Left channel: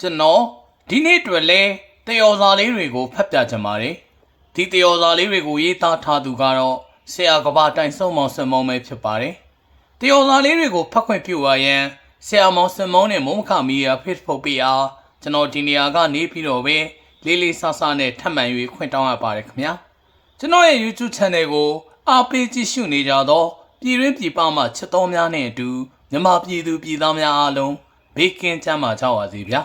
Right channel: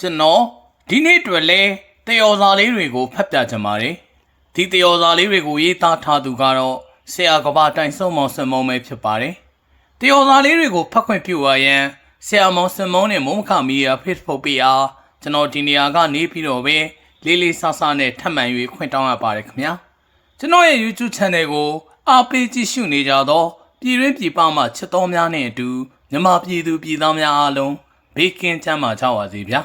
ကျွန်တော်ဒီနေ့အတွက်လဲတယောစာလေးတွေကိုဖတ်ပြချင်ပါတယ်ဒီတယောစာလေးတွေကိုရေးသားထားသူကတော့ဆရာကဘာတိုင်စုံမောင်စင်မုံပဲဖြစ်ပါတယ်တယောစာလေးတွေကိုဖတ်ခွင့်ပြုပါရန်ဆရာမောင်စင်မုံနဲ့မုံမခမီယာ Facebook ပေးအားကျွန်တော်ဒီနေရာကနေပြီးတော့ပဲလေးလေးဆဆနဲ့ထပ်မံ၍ခွင့်တောင်းရပါတယ်ခင်ဗျာကျွန်တော်ရဲ့ YouTube Channel ကိုအားပေးကြည့်ရှုနေကြတော့ပြည်ရင်းပြည်ပမှချစ်တော်များနဲ့အတူမြန်မာပြည်သူပြည်သားများအားလုံးဘေးကင်းချမ်းသာကြပါစေဗျာ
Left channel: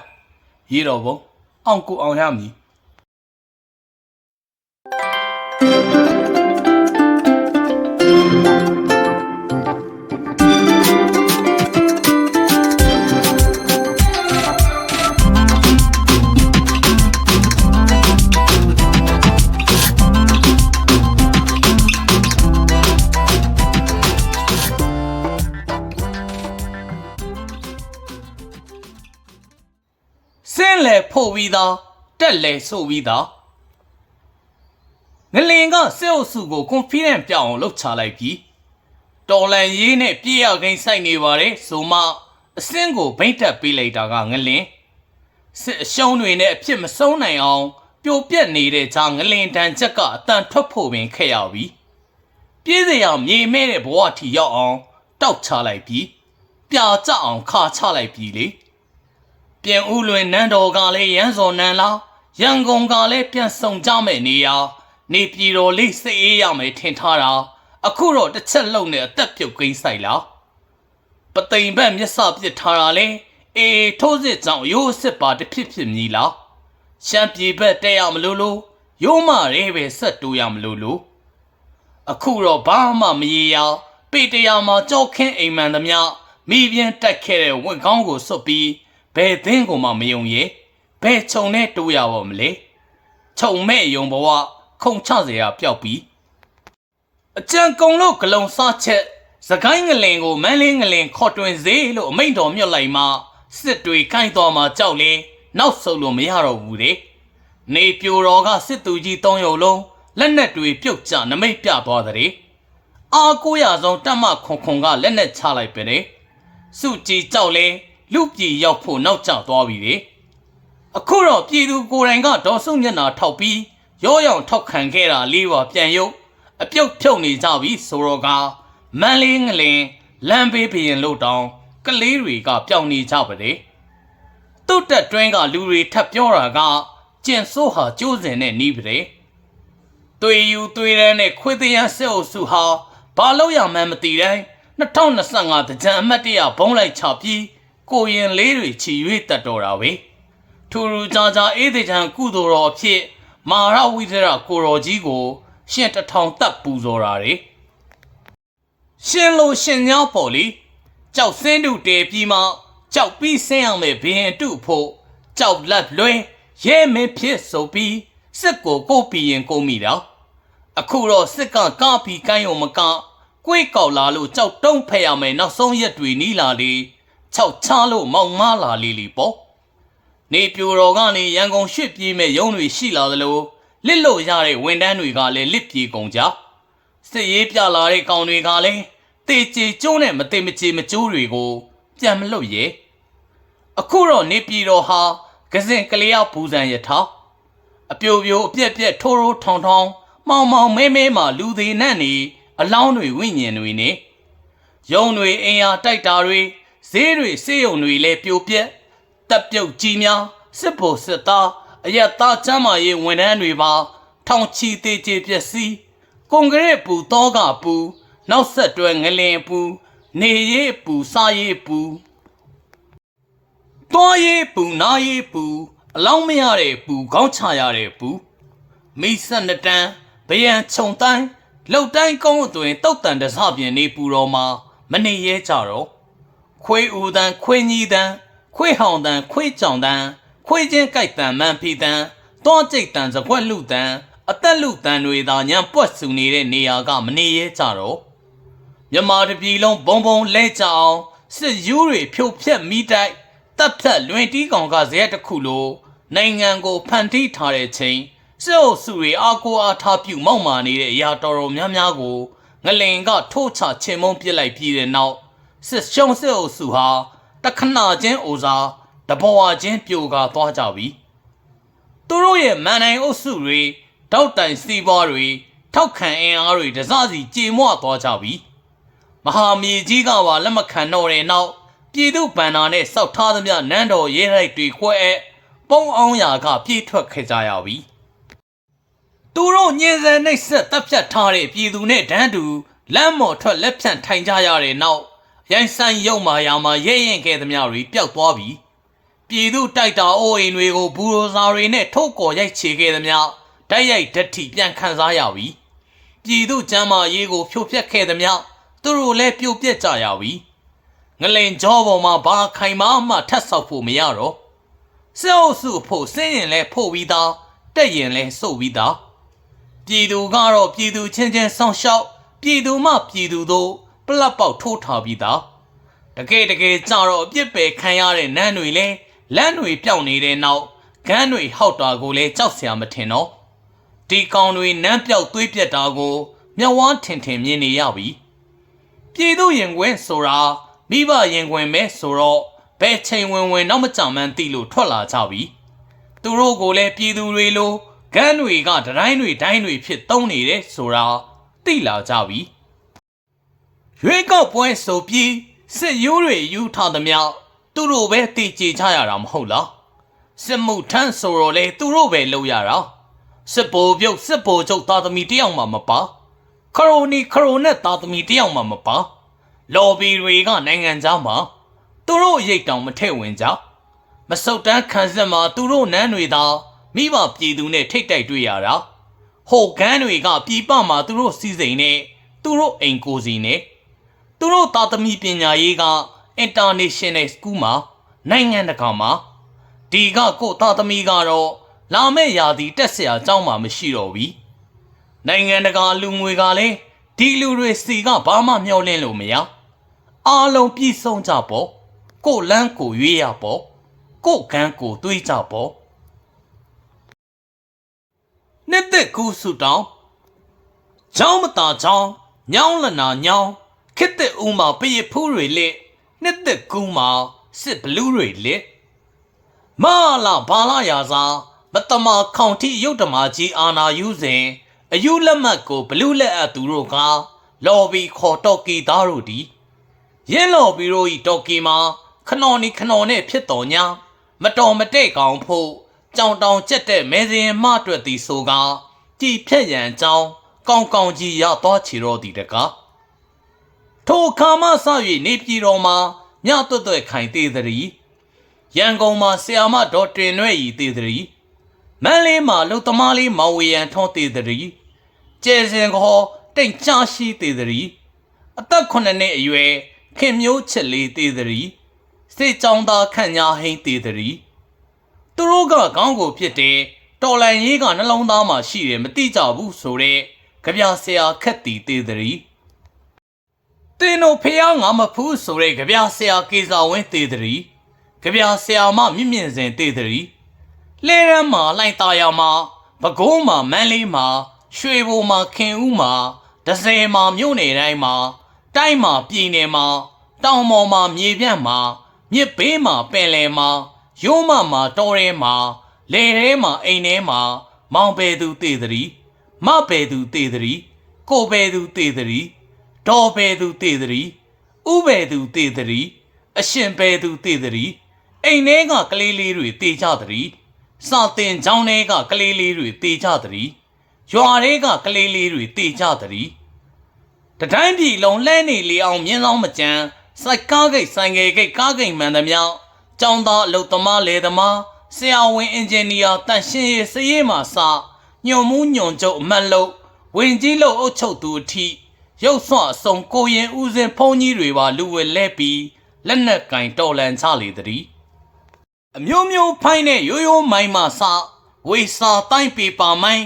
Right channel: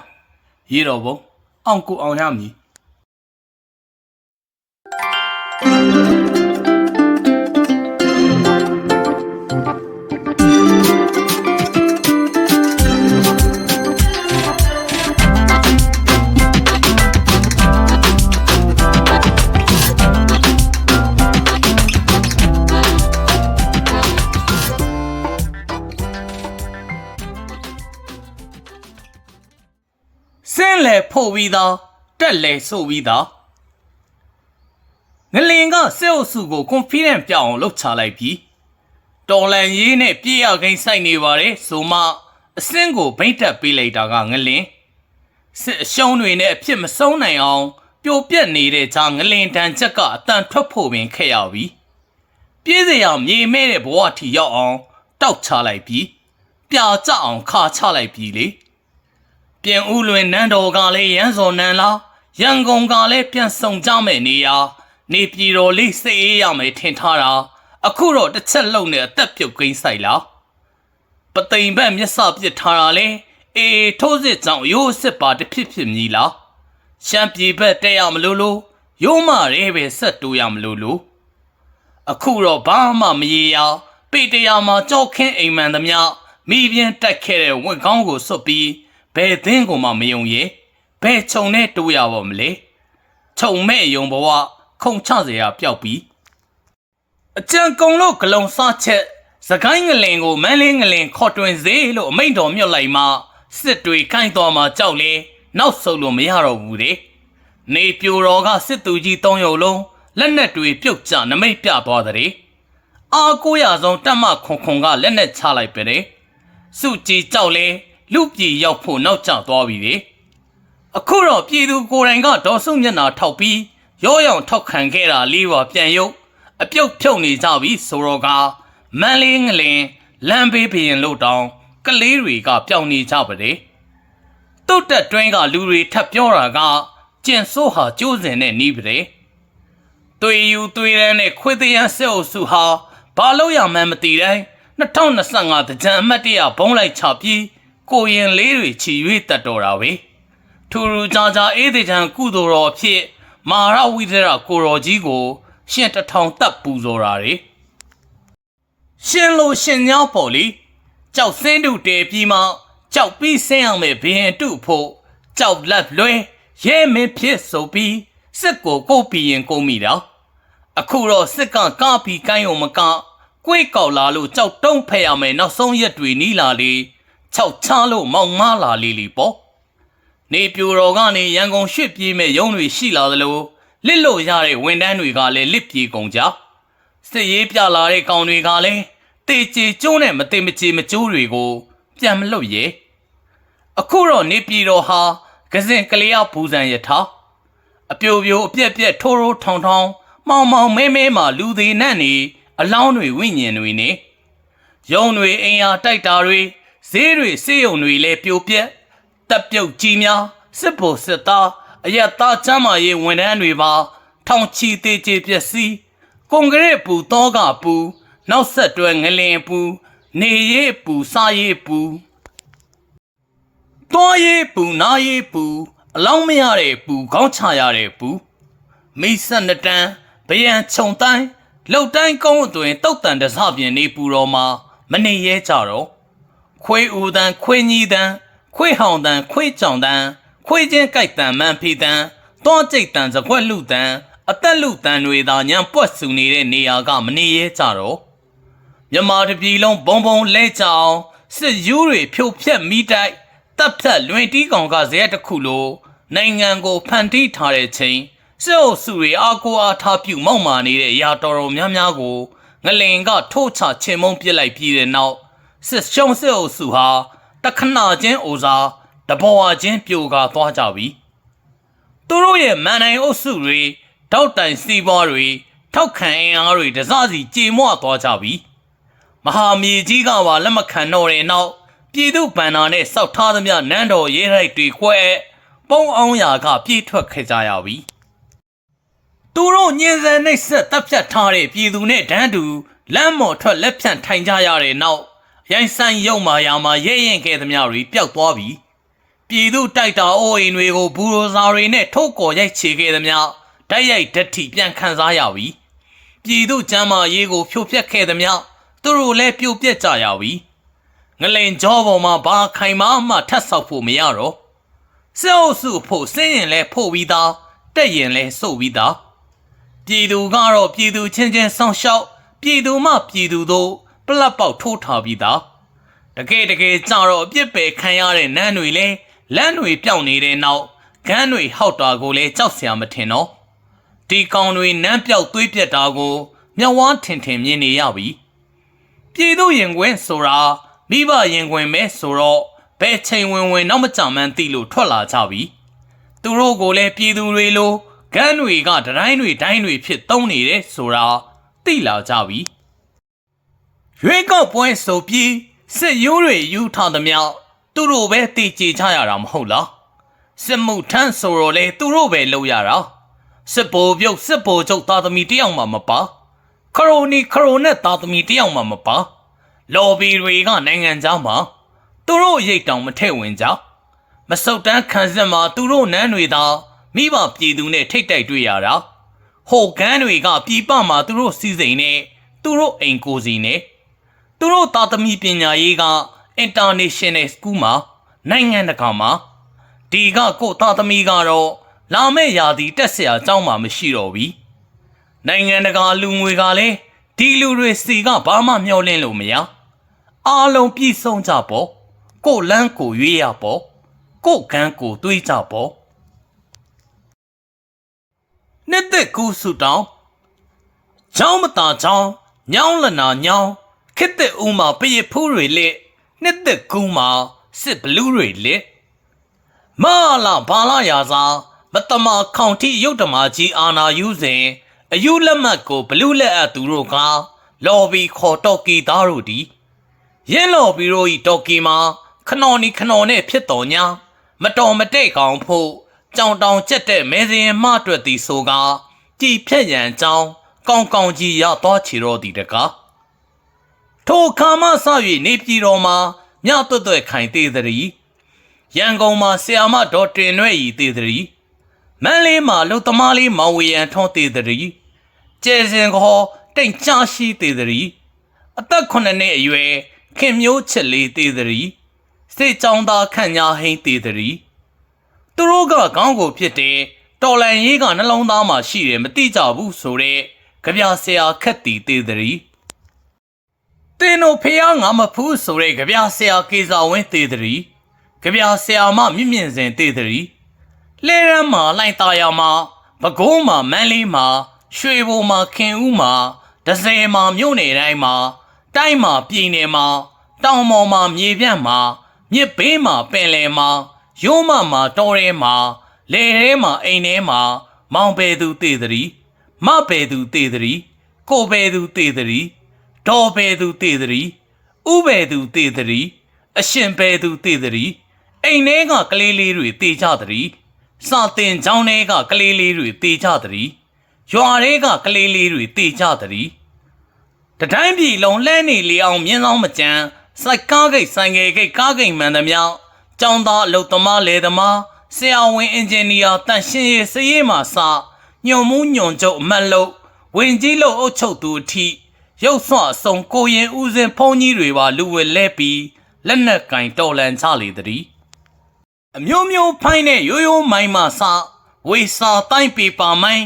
ရေတော်ဘုံအောင်ကိုအောင်ရမည် ဖို့ပြီးသားတက်လေဆိုပြီးသားငလင်ကစေအုပ်စုကို confident ပြအောင်လှုပ်ချလိုက်ပြီးတော်လန်ရေးနဲ့ပြေးရခိန်စိုက်နေပါတယ်ဆိုမှအစင်းကိုဗိတ်တက်ပေးလိုက်တာကငလင်စစ်အရှုံးတွေနဲ့အဖြစ်မဆုံးနိုင်အောင်ပြိုပြက်နေတဲ့ဂျာငလင်တန်ချက်ကအတန်ထွက်ဖို့ပင်ခက်ရပြီပြေးစရာမြေမဲ့တဲ့ဘဝထီရောက်အောင်တောက်ချလိုက်ပြီးပြာကျအောင်ခါချလိုက်ပြီးလေ ပြန်ဦးလွင်နန်းတော်ကလည်းရန်စော်နန်းလားရန်ကုန်ကလည်းပြန်ဆောင်ကြမယ်နေရာနေပြည်တော်လေးစိတ်အေးရမယ်ထင်ထားတာအခုတော့တစ်ချက်လုံးနဲ့အသက်ပြုတ်ကိန်းဆိုင်လားပသိမ်ဘက်မျက်စပစ်ထားတာလေအေးထိုးစစ်ကြောင့်ရိုးစစ်ပါတစ်ဖြစ်ဖြစ်မြည်လားရှမ်းပြည်ဘက်တက်ရမလို့လို့ရိုးမရဲပဲဆက်တိုးရမလို့လို့အခုတော့ဘာမှမရေရပေတရာမှာကြောက်ခင်းအိမ်မှန်သမျှမိပြင်းတက်ခဲ့တဲ့ဝက်ကောင်းကိုစွတ်ပြီး ဘယ်သင်းကိုမှမယုံရဲ့ဘယ်ခြုံနဲ့တိုးရပါမလဲခြုံမဲ့ယုံဘဝခုံချเสียရပျောက်ပြီးအကြံကုံလို့ဂလုံစားချက်စကိုင်းငလင်ကိုမန်းလေးငလင်ခေါ်တွင်စေလို့အမိန့်တော်မြတ်လိုက်မှစစ်တွေခိုင်းတော်မှာကြောက်လေနောက်ဆုတ်လို့မရတော့ဘူးတဲ့နေပြိုတော်ကစစ်သူကြီး၃ရုပ်လုံးလက်နက်တွေပြုတ်ကျနမိတ်ပြသွားတဲ့အာကိုရဆုံးတက်မခွန်ခွန်ကလက်နက်ချလိုက်ပဲတဲ့စုကြည်ကြောက်လေ လူပြည်ရောက်ဖို့နောက်ကျသွားပြီလေအခုတော့ပြည်သူကိုယ်တိုင်ကဒေါ်စုမျက်နှာထောက်ပြီးရောရောင်ထောက်ခံခဲ့တာလေးပါပြန်ရုပ်အပြုတ်ဖြုတ်နေကြပြီဆိုတော့ကမန်းလေးငလင်လမ်းဘေးဘရင်လို့တောင်ကလေးတွေကပျောက်နေကြပါလေတုတ်တက်တွင်းကလူတွေထပ်ပြောတာကကျင်ဆိုးဟာကျိုးစင်နဲ့နီးပါတယ်သွေယူသွေးရန်နဲ့ခွေးသေးရန်ဆက်အုပ်စုဟာဘာလို့ရမှန်းမသိတိုင်း2025တကြံအမတ်တရဘုံလိုက်ချပြီး ကိုရင်လေးတွေချီ၍တက်တော်တာပဲထူထူကြကြအေးသေးချံကုသိုလ်တော်အဖြစ်မာရဝိဒရကိုတော်ကြီးကို ရှင်တထောင်တက်ပူဇော်တာတွေရှင်လို့ရှင်ညောင်းပေါ်လီကြောက်စင်းတို့တဲပြီးမှကြောက်ပြီးဆင်းအောင်မဲ့ဘရင်တုဖို့ကြောက်လက်လွဲရဲမင်းဖြစ်ဆိုပြီးစစ်ကိုကိုပြီးရင်ကိုမိတော့အခုတော့စစ်ကကားပြီးကိုင်းုံမကကိုယ်ကောက်လာလို့ကြောက်တုံးဖက်ရမယ်နောက်ဆုံးရက်တွေနီးလာလေ ခြောက်ချလို့မောင်မလာလီလီပေါ့နေပြူတော်ကနေရန်ကုန်ရွှေ့ပြေးမဲ့ရုံးတွေရှိလာသလိုလစ်လို့ရတဲ့ဝန်တန်းတွေကလည်းလစ်ပြေကုန်ကြစစ်ရေးပြလာတဲ့ကောင်တွေကလည်းတေချေကျုံးနဲ့မတေမချေမကျိုးတွေကို ပြန်မလွတ်ရဲအခုတော့နေပြည်တော်ဟာကစင်ကလေးရဘူဇံယထာအပြိုပြိုအပြက်ပြက်ထိုးထိုးထောင်ထောင်မောင်မောင်မဲမဲမှလူသေးနဲ့နေအလောင်းတွေဝိညာဉ်တွေနေရုံတွေအင်အားတိုက်တာတွေ ဈေးတွေစေယုံတွေလည်းပြိုပြက်တက်ပြုတ်ကြီးများစစ်ဖို့စစ်သားအရက်သားချမ်းမာရေးဝန်ထမ်းတွေပါထောင်ချီသေးချေပျက်စီးကွန်ကရစ်ပူတောကပူနောက်ဆက်တွဲငလင်ပူနေရေးပူစားရေးပူတွားရေးပူနားရေးပူအလောင်းမရတဲ့ပူခေါင်းချရတဲ့ပူမိဆက်နှစ်တန်းဗယံခြုံတိုင်းလှုပ်တိုင်းကုန်းအတွင်တုတ်တန်တစပြင်နေပူတော်မှာမနေရဲကြတော့ ခွေးဦးတန်းခွေးကြီးတန်းခွေးဟောင်တန်းခွေးကြောင်တန်းခွေးချင်းကြိုက်တန်းမန်ဖီတန်းတောကျိတ်တန်းစကွက်လူတန်းအသက်လူတန်းတွေသာညံပွက်ဆူနေတဲ့နေရာကမနေရဲကြတော့မြမာတပြည်လုံးဘုံဘုံလဲကြအောင်စစ်ယူးတွေဖြိုဖျက်မိတိုက်တပ်ဖြတ်လွင်တီးကောင်ကဇရက်တစ်ခုလိုနိုင်ငံကိုဖန်တီးထားတဲ့ချိန်စစ်အုပ်စုတွေအာကိုအားထားပြုမောက်မာနေတဲ့အရာတော်တော်များများကိုငလင်ကထိုးချချင်မုံပစ်လိုက်ပြီးတဲ့နောက် စစ်ရှုံးစစ်အုပ်စုဟာတခဏချင်းအိုစာတဘောဝချင်းပြိုကာသွားကြပြီသူတို့ရဲ့မန်နိုင်အုပ်စုတွေတောက်တိုင်စီးပွားတွေထောက်ခံအင်အားတွေတစစီကြေမွသွားကြပြီမဟာမြေကြီးကပါလက်မခံတော့တဲ့နောက်ပြည်သူဗန္နာနဲ့စောက်ထားသမျှနန်းတော်ရဲရိုက်တွေခွဲပုံအောင်ရာကပြေးထွက်ခဲ့ကြရပြီသူတို့ညင်စံနှိပ်ဆက်တပ်ဖြတ်ထားတဲ့ပြည်သူနဲ့တန်းတူလမ်းမော်ထွက်လက်ဖြန့်ထိုင်ကြရတဲ့နောက် ရိုင်းဆိုင်ရုံမာယာမှာရဲရင်ခဲ့သမျှတွေပျောက်သွားပြီပြည်သူတိုက်တာအိုးအိမ်တွေကိုဘူရိုဇာတွေနဲ့ထုတ်ကော်ရိုက်ချေခဲ့သမျှတိုက်ရိုက်ဓာတ်ထိပြန်ခန်းစားရပြီပြည်သူကျမ်းမာရေးကိုဖြိုဖျက်ခဲ့သမျှသူတို့လည်းပြိုပြက်ကြရပြီငလင်ကြောပေါ်မှာဘာခိုင်မာမှထပ်ဆောက်ဖို့မရတော့စေအုပ်စုဖို့စင်းရင်လဲဖို့ပြီးသားတက်ရင်လဲစုပ်ပြီးသားပြည်သူကတော့ပြည်သူချင်းချင်းဆောင်းရှောက်ပြည်သူမှပြည်သူတို့ ပလက်ပေါက်ထိုးထားပြီးသားတကယ်တကယ်ကြတော့အပြစ်ပယ်ခံရတဲ့နန်းတွေလဲလမ်းတွေပြောင်းနေတဲ့နောက်ဂန်းတွေဟောက်တာကိုလဲကြောက်စရာမထင်တော့ဒီကောင်တွေနန်းပြောက်သွေးပြက်တာကိုမျက်ဝါးထင်ထင်မြင်နေရပြီပြည်သူရင်ခွင်ဆိုတာမိဘရင်ခွင်ပဲဆိုတော့ဘယ်ချိန်ဝင်ဝင်နောက်မကြမ်းမှန်းသိလို့ထွက်လာကြပြီသူတို့ကိုလည်းပြည်သူတွေလိုဂန်းတွေကဒတိုင်းတွေတိုင်းတွေဖြစ်သုံးနေတယ်ဆိုတာသိလာကြပြီ ရွေးကောက်ပွဲဆိုပြီးစစ်ရိုးတွေယူထားသမျှသူတို့ပဲတည်ကြည်ကြရတာမဟုတ်လားစစ်မှုထမ်းဆိုတော့လေသူတို့ပဲလုပ်ရတာစစ်ဘိုလ်ပြုတ်စစ်ဘိုလ်ချုပ်သားသမီးတယောက်မှမပါခရိုနီခရိုနဲ့သားသမီးတယောက်မှမပါလော်ဘီတွေကနိုင်ငံခြားမှာသူတို့ရိတ်တောင်မထည့်ဝင်ကြမစုတ်တန်းခံစစ်မှာသူတို့နန်းတွေသာမိဘပြည်သူနဲ့ထိတ်တိုက်တွေ့ရတာဟိုကန်းတွေကပြည်ပမှာသူတို့စီစိန်နဲ့သူတို့အိမ်ကိုစီနဲ့ သူတို့သားသမီးပညာရေးက international school မှာနိုင်ငံတကာမှာဒီကကို့သားသမီးကတော့လာမယ့်ရာသီတက်ဆရာကျောင်းမှာမရှိတော့ဘူးနိုင်ငံတကာလူငွေကလည်းဒီလူတွေစီကဘာမှမျှော်လင့်လို့မရအားလုံးပြည့်စုံကြပေါ့ကို့လန်းကိုရွေးရပေါ့ကိုယ်ကန်းကိုတွေးကြပေါ့နှစ်သက်ကူးဆူတောင်းချောင်းမတာချောင်းညောင်းလနာညောင်း ခစ်တဲ့ဦးမှာပရဖူးတွေလက်နှစ်သက်ကူးမှာစစ်ဘလူးတွေလက်မလာဘာလာရာစာမတမခေါင်တိရုတ်တမာကြီးအာနာယူစဉ်အယူလက်မှတ်ကိုဘလူးလက်အပ်သူတို့ကလော်ဘီခေါ်တော့ကီသားတို့ဒီရင်းလော်ဘီတို့ဤတော်ကီမှာခနော်နီခနော်နဲ့ဖြစ်တော်ညာမတော်မတဲ့ကောင်ဖို့ကြောင်တောင်ကျက်တဲ့မဲစရင်မအတွက်သည်ဆိုကကြည်ဖြက်ရန်အကြောင်းကောင်းကောင်းကြီးရတော့ချီတော့သည်တကား ထိုခါမှဆ၍နေပြည်တော်မှာမြတ်တွတ်တွတ်ခိုင်သေးသည်ရန်ကုန်မှာဆီယာမဒေါ်တင်ရွဲ့ဤသေးသည်မန်းလေးမှာလုံသမားလေးမောင်ဝေရန်ထွန်းသေးသည်ကျဲစင်ခေါ်တိတ်ချရှိသေးသည်အသက်9နှစ်အရွယ်ခင်မျိုးချစ်လေးသေးသည်စိတ်ကြောင်းသားခန့်ညာဟိန်းသေးသည်သူတို့ကခေါင်းကိုဖြစ်တယ်တော်လန်ရေးကနှလုံးသားမှာရှိတယ်မသိကြဘူးဆိုတော့ကြပြဆရာခက်တီသေးသည် တင်းတို့ဖះငါမဖူးဆိုတဲ့ကြပြဆရာကေစာဝင်းသေးသည်ကြပြဆရာမမြင့်မြင့်စင်သေးသည်လဲရမ်းမှာလိုက်တာယာမှာပကုံးမှာမန်းလေးမှာရွှေဘိုမှာခင်ဦးမှာဒဇယ်မှာမြို့နယ်တိုင်းမှာတိုင်းမှာပြည်နယ်မှာတောင်ပေါ်မှာမြေပြန့်မှာမြစ်ဘေးမှာပင်လယ်မှာရိုးမမှာတောထဲမှာလေထဲမှာအိမ်ထဲမှာမောင်ပေသူတည်သည်မပေသူတည်သည်ကိုပေသူတည်သည် ဒေါ်ပေသူတည်သည်ဥပေသူတည်သည်အရှင်ပေသူတည်သည်အိမ်ထဲကကလေးလေးတွေတည်ကြသည်စာတင်ချောင်းထဲကကလေးလေးတွေတည်ကြသည်ရွာထဲကကလေးလေးတွေတည်ကြသည်တတိုင်းပြည်လုံးလှမ်းနေလေအောင်မြင်းဆောင်မကြမ်းစိုက်ကားဂိတ်ဆိုင်ငယ်ဂိတ်ကားဂိတ်မှန်သမျှကျောင်းသားအလုပ်သမားလယ်သမားဆရာဝန်အင်ဂျင်နီယာတန်ရှင်းရေးစရေးမှစညွန်မှုညွန်ချုပ်အမတ်လို့ဝင်ကြီးလို့အုပ်ချုပ်သူအထိ ရုပ်ဆွအစုံကိုရင်ဦးစင်ဖုန်းကြီးတွေပါလူဝဲလဲပြီးလက်နက်ကင်တော်လန်ချလေသည်အမျိုးမျိုးဖိုင်းတဲ့ရိုးရိုးမိုင်းမှစဝေစာတိုင်းပေပါမိုင်း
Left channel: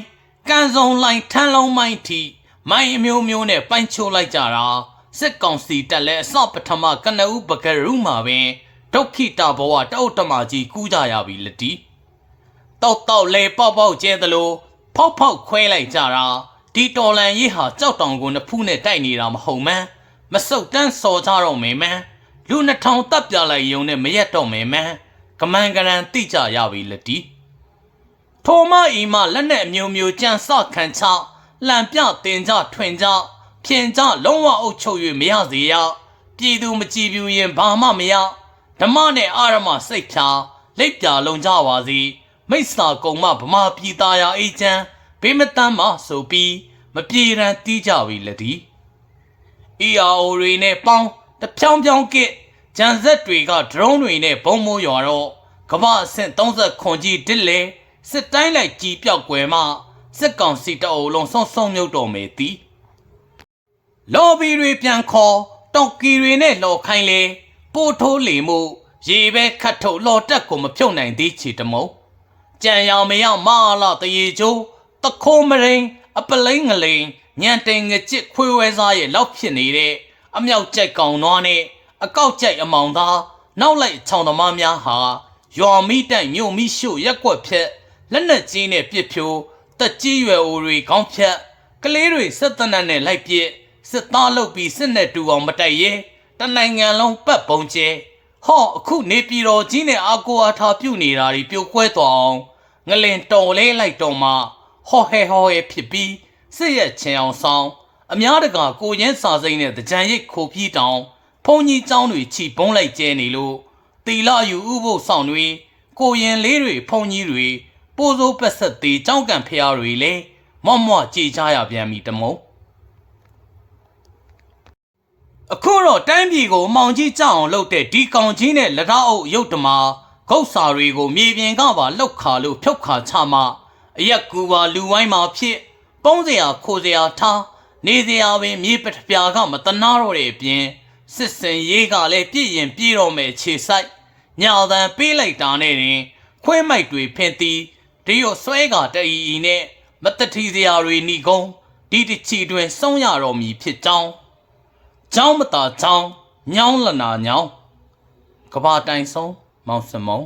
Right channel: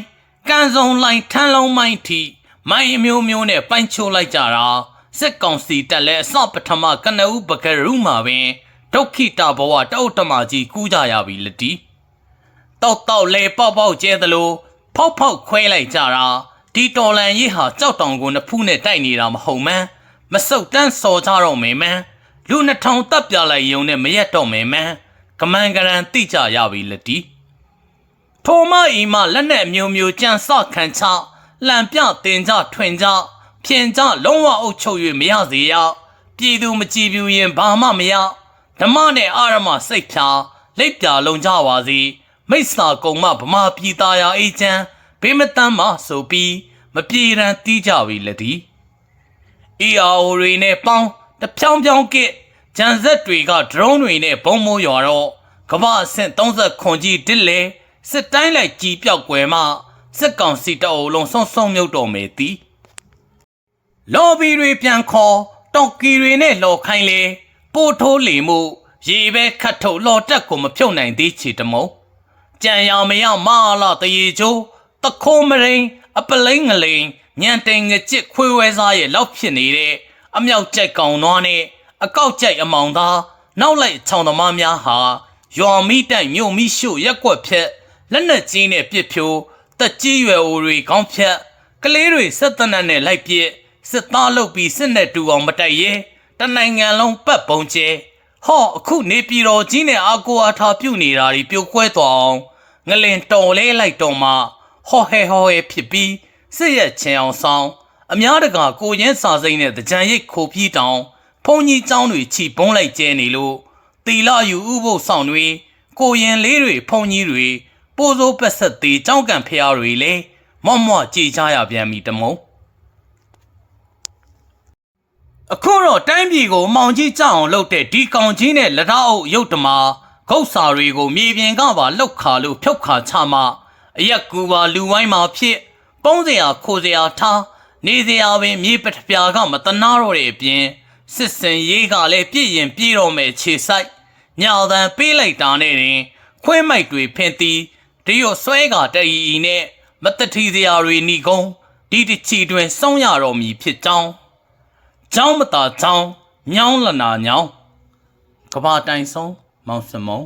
ကန်စုံလိုင်းထန်းလုံးမိုင်းထိမိုင်းအမျိုးမျိုးနဲ့ပိုင်းချိုးလိုက်ကြတာစစ်ကောင်စီတက်လဲအစပထမကနဦးပကရုမှာပင်ဒုက္ခိတဘဝတအုတ်တမကြီးကူးကြရပြီလတီတောက်တောက်လဲပေါက်ပေါက်ကျဲသလိုဖောက်ဖောက်ခွဲလိုက်ကြတာ ဒီတော်လန်ရေးဟာကြောက်တောင်ကိုနှစ်ဖူးနဲ့တိုက်နေတာမဟုတ်မှန်းမစုတ်တန်းစော်ကြတော့မယ်မန်းလူနှစ်ထောင်တပ်ပြလိုက်ယုံနဲ့မရက်တော့မယ်မန်းကမန်ကရန်တိကြရပြီလက်တီထိုမအီမလက်နဲ့အမျိုးမျိုးကြံစခံချလှန်ပြတင်ကြထွင်ကြဖြင်ကြလုံးဝအုပ်ချုပ်၍မရစေရပြည်သူမကြည်ပြူရင်ဘာမှမရဓမ္မနဲ့အာရမစိတ်ဖြာလက်ပြလုံးကြပါစီမိစ္ဆာကုံမဗမာပြည်သားရာအေးချမ်း ဘေးမတမ်းမဆိုပြီးမပြေရန်တီးကြပြီလက်တီ ERO တွေနဲ့ပေါင်းတဖြောင်းဖြောင်းကစ်ဂျန်ဆက်တွေကဒရုန်းတွေနဲ့ဘုံမိုးရွာတော့ကမ္ဘာအဆင့်30ခွန်ကြီးတစ်လေစစ်တိုင်းလိုက်ကြီးပြောက်ွယ်မှစစ်ကောင်စီတအုပ်လုံးဆုံးဆုံးမြုပ်တော်မယ်သည်လော်ဘီတွေပြန်ခေါ်တောက်ကီတွေနဲ့လော်ခိုင်းလေပို့ထိုးလီမှုရေပဲခတ်ထုတ်လော်တက်ကိုမဖြုတ်နိုင်သေးချေတမုံကြံရမရမာလာတရေချိုး တခိုးမရိန်အပလိန်ငလိန်ညံတိန်ငကြစ်ခွေးဝဲစားရဲ့လောက်ဖြစ်နေတဲ့အမြောက်ကြိုက်ကောင်သွားနဲ့အကောက်ကြိုက်အမောင်သားနောက်လိုက်ချောင်းသမားများဟာရွာမိတိုင်မြို့မိရှို့ရက်ွက်ဖြက်လက်နက်ကြီးနဲ့ပြစ်ဖြိုးတက်ကြီးရွယ်အိုတွေခေါင်းဖြက်ကလေးတွေဆက်တနတ်နဲ့လိုက်ပစ်စစ်သားလုပ်ပြီးစစ်နဲ့တူအောင်မတိုက်ရဲတနိုင်ငံလုံးပတ်ပုံကျဲဟောအခုနေပြည်တော်ကြီးနဲ့အာကိုအားထားပြုတ်နေတာတွေပြိုကွဲသွားအောင်ငလင်တော်လဲလိုက်တော်မှ ဟော်ဟဲဟော်ဟဲဖြစ်ပြီးစစ်ရဲ့ချင်အောင်ဆောင်အများတကာကိုရင်းစာစိမ့်နဲ့တကြံရိတ်ခိုပြီးတောင်ဖုန်ကြီးကျောင်းတွေချီပုံးလိုက်ကျဲနေလို့တီလာယူဥပုပ်ဆောင်တွေကိုရင်လေးတွေဖုန်ကြီးတွေပိုးစိုးပက်ဆက်သေးကြောင်းကံဖျားတွေလည်းမော့မော့ကြေချရပြန်ပြီတမုံအခုတော့တိုင်းပြည်ကိုမောင်ကြီးကြောက်အောင်လုပ်တဲ့ဒီကောင်ကြီးနဲ့လက်ထောက်အုပ်ရုပ်တမာဂုတ်စာတွေကိုမြေပြင်ကပါလှုပ်ခါလို့ဖြုတ်ခါချမှ အရက်ကူပါလူဝိုင်းမှာဖြစ်ပုံးစရာခိုစရာထားနေစရာပင်မြေပထပြာကမတနာတော့တဲ့အပြင်စစ်စင်ရေးကလည်းပြည့်ရင်ပြည့်တော့မယ်ခြေဆိုင်ညောင်တန်ပေးလိုက်တာနဲ့တင်ခွဲမိုက်တွေဖင်တီဒီရောဆွဲကတအီအီနဲ့မတတိစရာတွေဏီကုန်းဒီတချီတွင်စောင်းရတော်မူဖြစ်ကြောင်းเจ้าမတာเจ้าညောင်းလနာညောင်းကဘာတိုင်ဆုံးမောင်စမုံ